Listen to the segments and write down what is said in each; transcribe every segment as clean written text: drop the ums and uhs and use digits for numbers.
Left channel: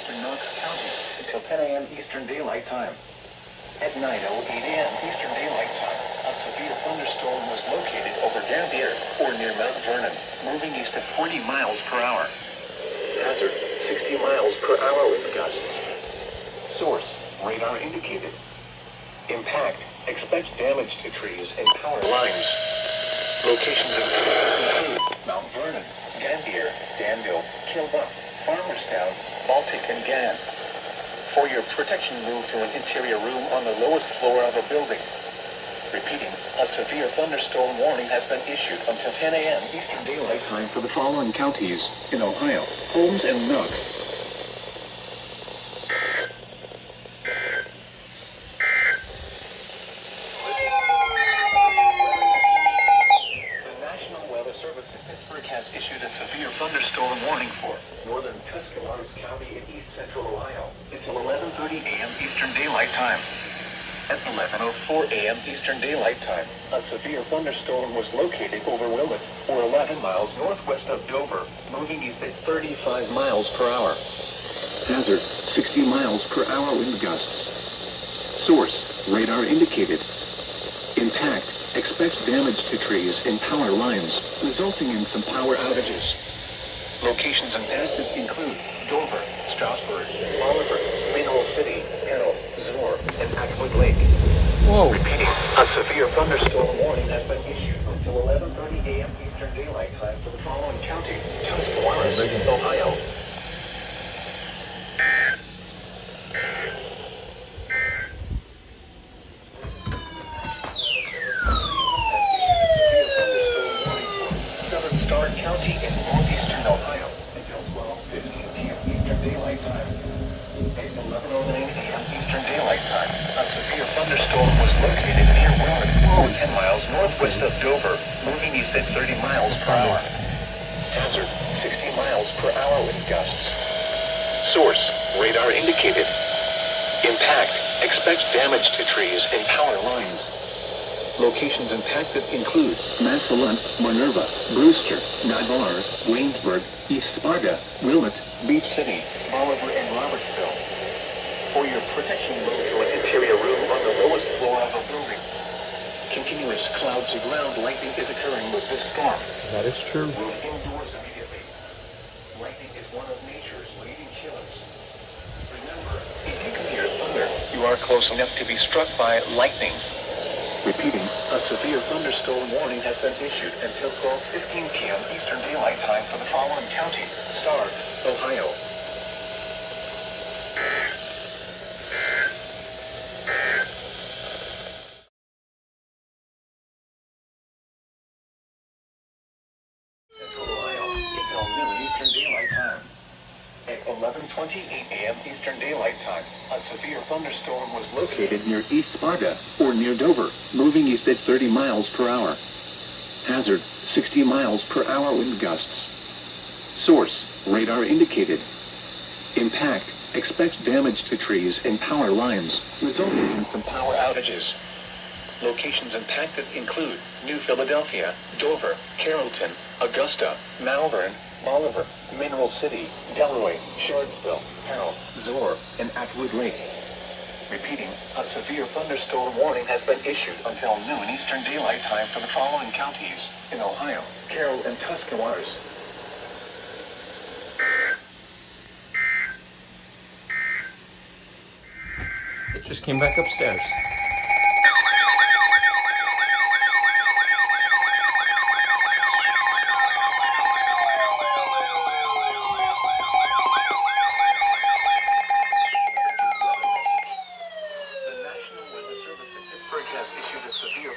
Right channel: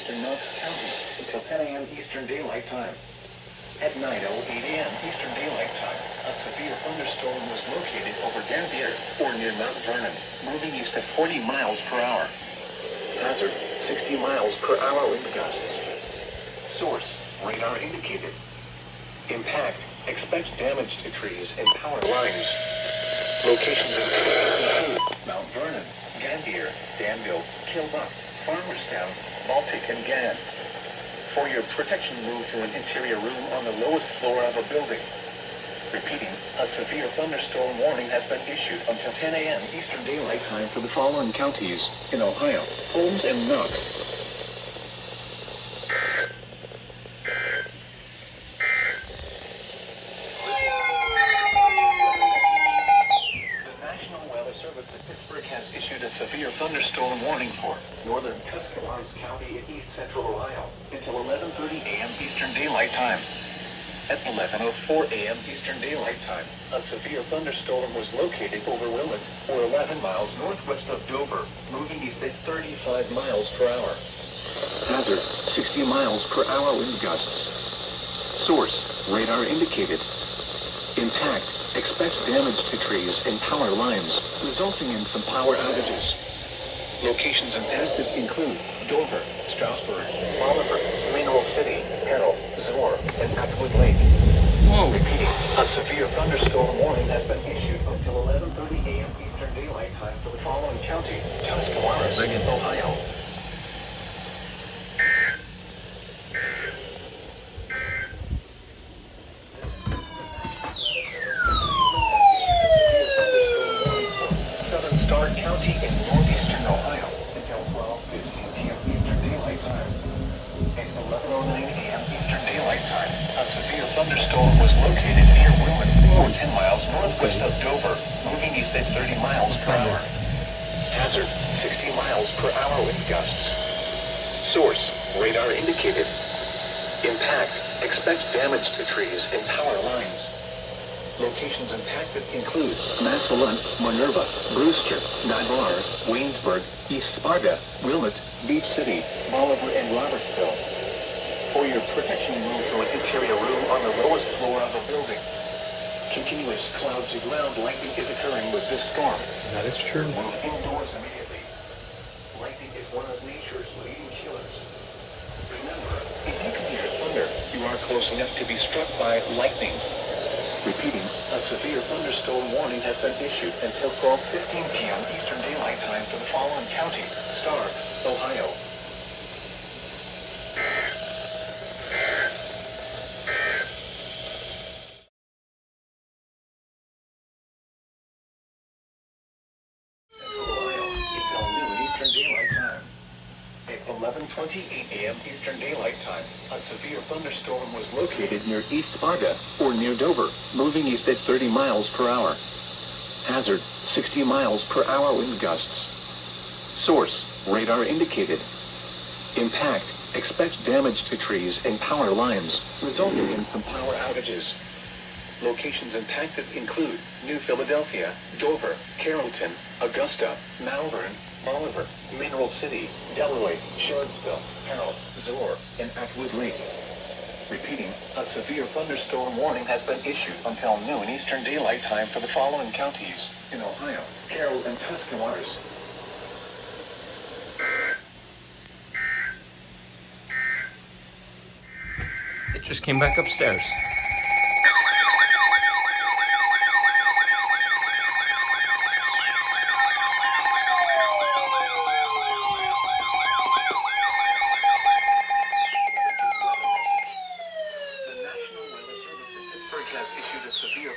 eastern Knox County until 10 a.m. Eastern Daylight Time. At 9:08 a.m. Eastern Daylight Time, a severe thunderstorm was located over Dampier or near Mount Vernon, moving east at 40 miles per hour. Hazard, 60 miles per hour wind gusts. Source, radar indicated. Impact, expect damage to trees and power lines. Locations include Mount Vernon, Dampier, Danville, Kilbuck, Farmerstown, Baltic, and Gann. For your protection, move to an interior room on the lowest floor of a building. Repeating, a severe thunderstorm warning has been issued until 10 a.m. Eastern Daylight Time for the following counties in Ohio: Holmes and Knox. The National Weather Service in Pittsburgh has issued a severe thunderstorm warning for northern Tuscaloosa County in east central Ohio until 11:30 a.m. Eastern Daylight Time. At 11:04 a.m. Eastern Daylight Time, a severe thunderstorm was located over Wilmot, or 11 miles northwest of Dover, moving east at 35 miles per hour. Hazard, 60 miles per hour wind gusts. Source, radar indicated. Impact, expect damage to trees and power lines, resulting in some power outages. Locations and assets include Dover, Strasburg, Oliver, Mineral City, Carroll, Zor, and Atwood Lake. Whoa. Repeating, a severe thunderstorm warning has been issued until 11:30 a.m. Eastern Daylight Time for the following counties: Tuscaloosa, Ohio. Southern Starr County in northeastern Ohio until 12:15 p.m. Eastern Daylight Time. At 11:09 a.m. Eastern Daylight Time, a severe thunderstorm was located near Wilmot, 10 miles northwest of Dover, moving east at 30 miles per hour. Hazard, 60 miles per hour wind gusts. Source, radar indicated. Impact, expect damage to trees and power lines. Locations impacted include Massillon, Minerva, Brewster, Navarre, Waynesburg, East Sparta, Wilmot, Beach City, Oliver, and Robertsville. For your protection, move to an interior room on the lowest floor of a building. Continuous cloud-to-ground lightning is occurring with this storm. That is true. Move indoors immediately. Lightning is one of nature's leading killers. Remember, if you can hear thunder, you are close enough to be struck by lightning. Repeating, a severe thunderstorm warning has been issued until 12:15 p.m. Eastern Daylight Time for the following county: Starr, Ohio. Until noon Eastern Daylight Time. At 11:28 a.m. Eastern Daylight Time, a severe thunderstorm was located near East Sparta, or near Dover, moving east at 30 miles per hour. Hazard, 60 miles per hour wind gusts. Source, radar indicated. Impact, expect damage to trees and power lines, resulting in some power outages. Locations impacted include New Philadelphia, Dover, Carrollton, Augusta, Malvern, Oliver, Mineral City, Delaware, Shardsville, Carroll, Zor, and Atwood Lake. Repeating, a severe thunderstorm warning has been issued until noon Eastern Daylight Time for the following counties in Ohio: Carroll and Tuscaloosa. It just came back upstairs.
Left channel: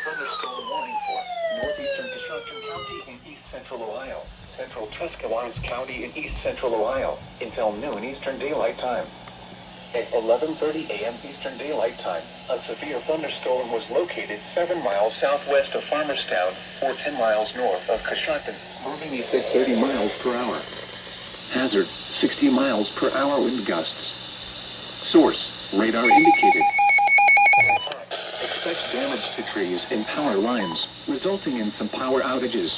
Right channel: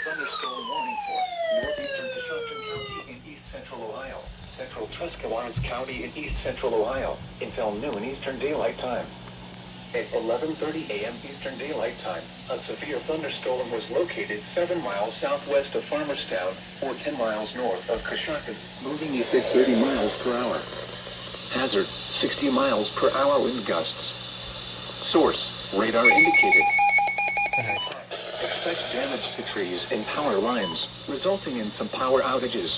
Thunderstorm warning for northeastern Destruction County in east central Ohio, central Tuscaloosa County in east central Ohio until noon Eastern Daylight Time. At 11:30 a.m. Eastern Daylight Time, a severe thunderstorm was located 7 miles southwest of Farmerstown, or 10 miles north of Coshocton, moving east at 30 miles per hour. Hazard, 60 miles per hour wind gusts. Source, radar indicated. Expect damage to trees and power lines, resulting in some power outages.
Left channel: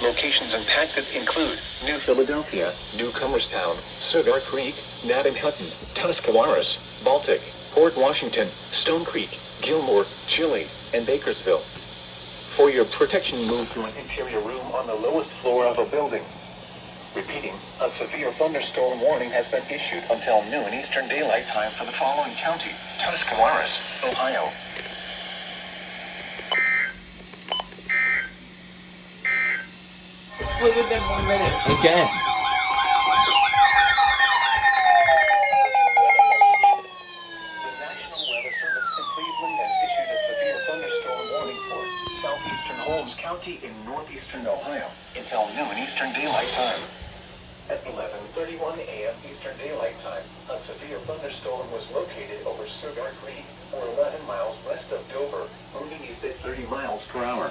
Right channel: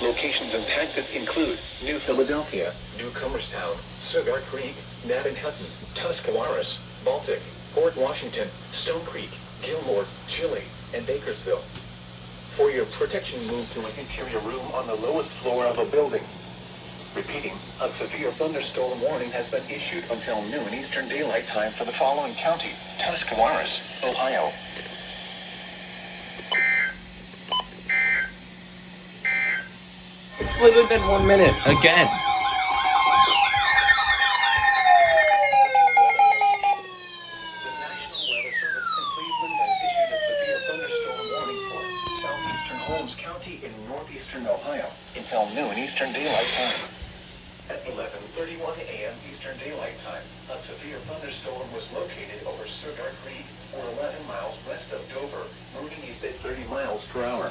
Locations impacted include New Philadelphia, Newcomerstown, Cigar Creek, Nat and Hutton, Tuscarawas, Baltic, Port Washington, Stone Creek, Gilmore, Chile, and Bakersville. For your protection, move to an interior room on the lowest floor of a building. Repeating, a severe thunderstorm warning has been issued until noon Eastern Daylight Time for the following county: Tuscarawas, Ohio. It's literally been 1 minute again. The National Weather Service in Cleveland has issued a severe thunderstorm warning for southeastern Holmes County in northeastern Ohio until noon Eastern Daylight Time. At 11:31 a.m. Eastern Daylight Time, a severe thunderstorm was located over Cigar Creek, or 11 miles west of Dover, moving east at 30 miles per hour.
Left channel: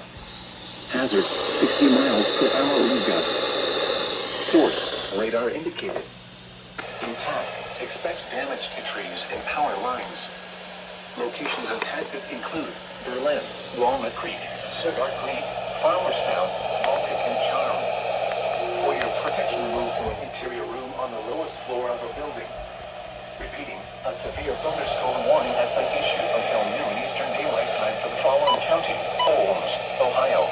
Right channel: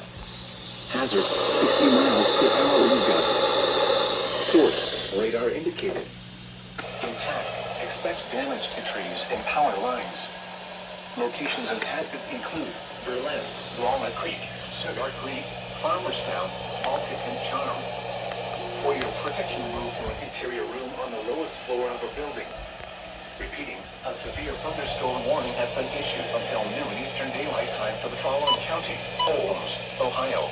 Hazard, 60 miles per hour wind gusts. Source, radar indicated. Intent, expect damage to trees and power lines. Locations impacted include Berlin, Walnut Creek, Cigar Creek, Farmerstown, Baltic, and Charm. For your protection, move to an interior room on the lowest floor of a building. Repeating, a severe thunderstorm warning has been issued until noon Eastern Daylight Time for the following county: Holmes, Ohio.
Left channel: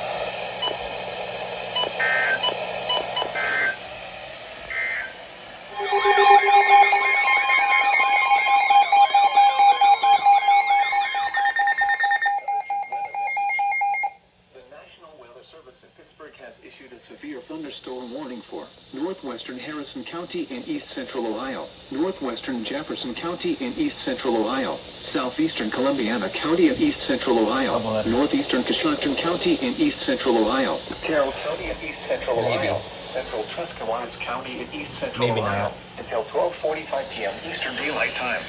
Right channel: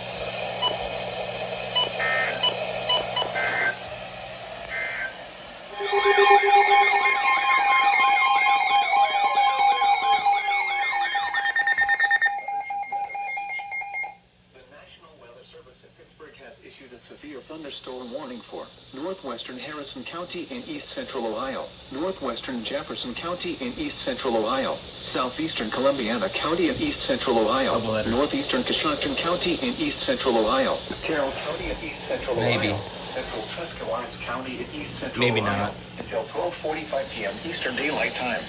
Issued a severe thunderstorm warning for northwestern Harrison County and east central Ohio, northwestern Jefferson County and east central Ohio, southeastern Columbiana County and east central Ohio, northeastern Coshocton County and east central Ohio, Carroll County and east central Ohio, central Tuscarawas County and east central Ohio, until 12:45 p.m. Eastern Daylight Time.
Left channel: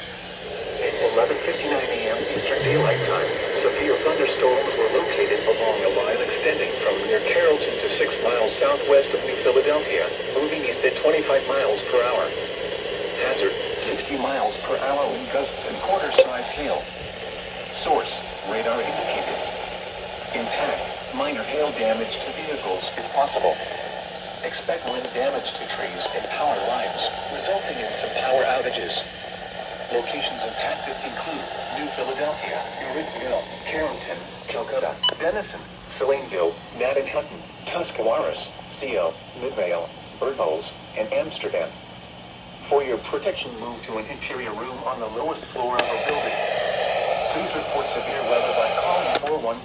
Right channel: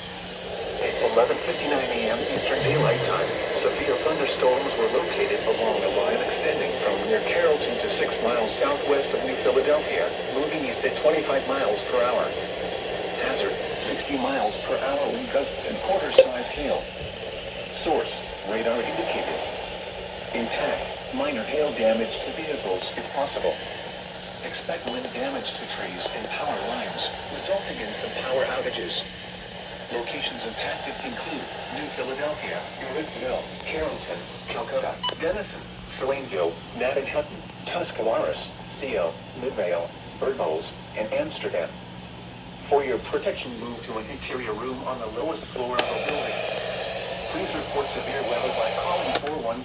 At 11:59 a.m. Eastern Daylight Time, severe thunderstorms were located along a line extending from near Carrollton to 6 miles southwest of New Philadelphia, moving east at 25 miles per hour. Hazard, 60 miles per hour wind gusts and quarter-size hail. Source, radar indicated. Impact, minor hail damage to vehicles if possible. Expect wind damage to trees and power lines, resulting in some power outages. Locations impacted include New Philadelphia, Evansville, Carrollton, Calcutta, Denison, Salineville, Nat and Hutton, Tuscarawas, Seal, Midvale, Birdholes, and Amsterdam. For your protection, move to an interior room on the lowest floor of a building. Please report severe weather by calling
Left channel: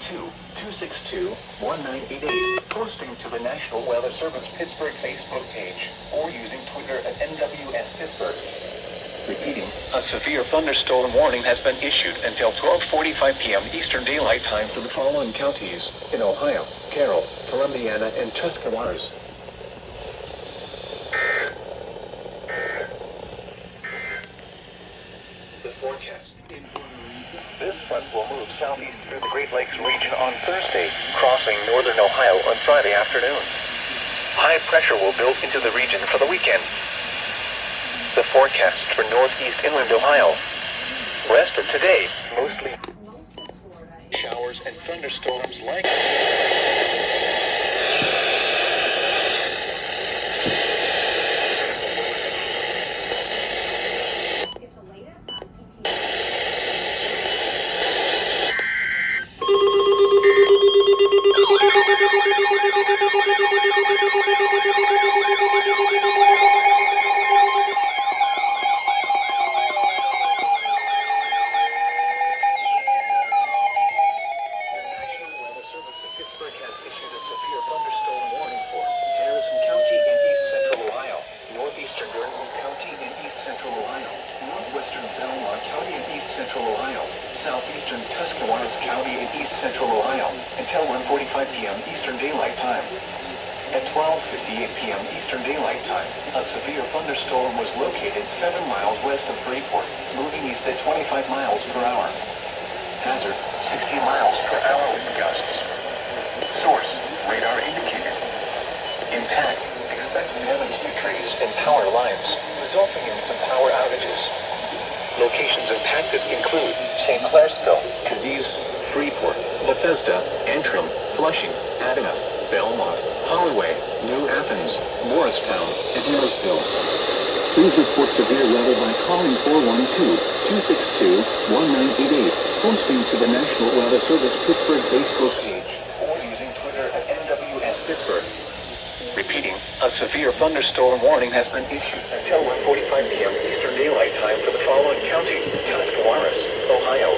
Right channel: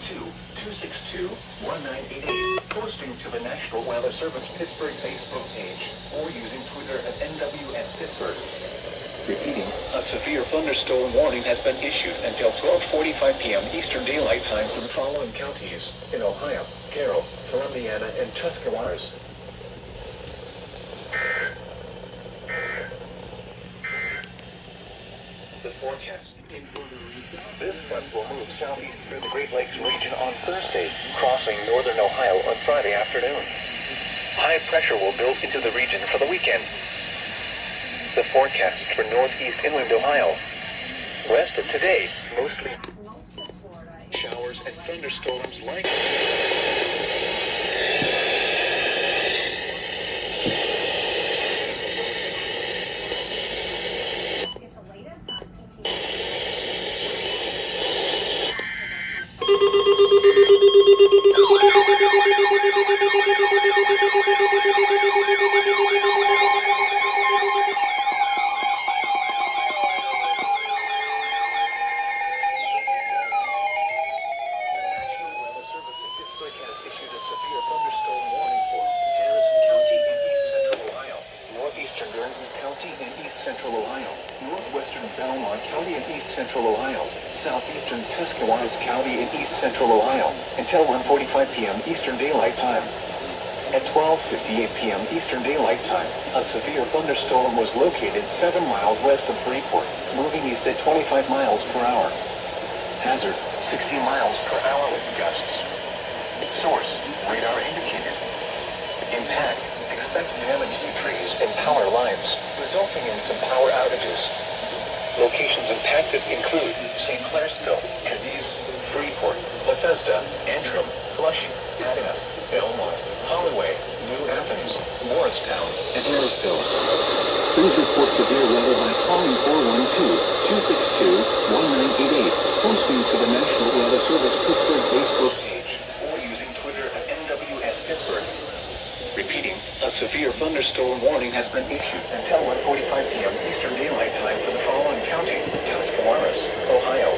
412-262-1988, posting to the National Weather Service Pittsburgh Facebook page, or using Twitter at NWS Pittsburgh. Repeating, a severe thunderstorm warning has been issued until 12:45 p.m. Eastern Daylight Time for the following counties in Ohio: Carroll, Columbiana, and Tuscarawas. The forecast in Puerto Rico. This front will move southeast through the Great Lakes region on Thursday, crossing northern Ohio on Friday afternoon. High pressure will build into the region for the weekend. The forecast for northeast inland Ohio. Rest of today, mostly showers and thunderstorms likely. Southeastern Tuscarawas County in east central Ohio until 1:45 p.m. Eastern Daylight Time. At 12:58 p.m. Eastern Daylight Time, a severe thunderstorm was located 7 miles west of Freeport, moving east at 25 miles per hour. Hazard, 60 miles per hour wind gusts. Source, radar indicated. Impact, expect damage to trees and power lines, resulting in some power outages. Locations impacted include St. Clairsville, Cadiz, Freeport, Bethesda, Antrim, Flushing, Adana, Belmont, Holloway, New Athens, Morristown, and Marysville. Please report severe weather by calling 412-262-1988, posting to the National Weather Service Pittsburgh Facebook page, or using Twitter at NWS Pittsburgh. Repeating, a severe thunderstorm warning has been issued until 1:45 p.m. Eastern Daylight Time for the following county: Tuscarawas, Ohio,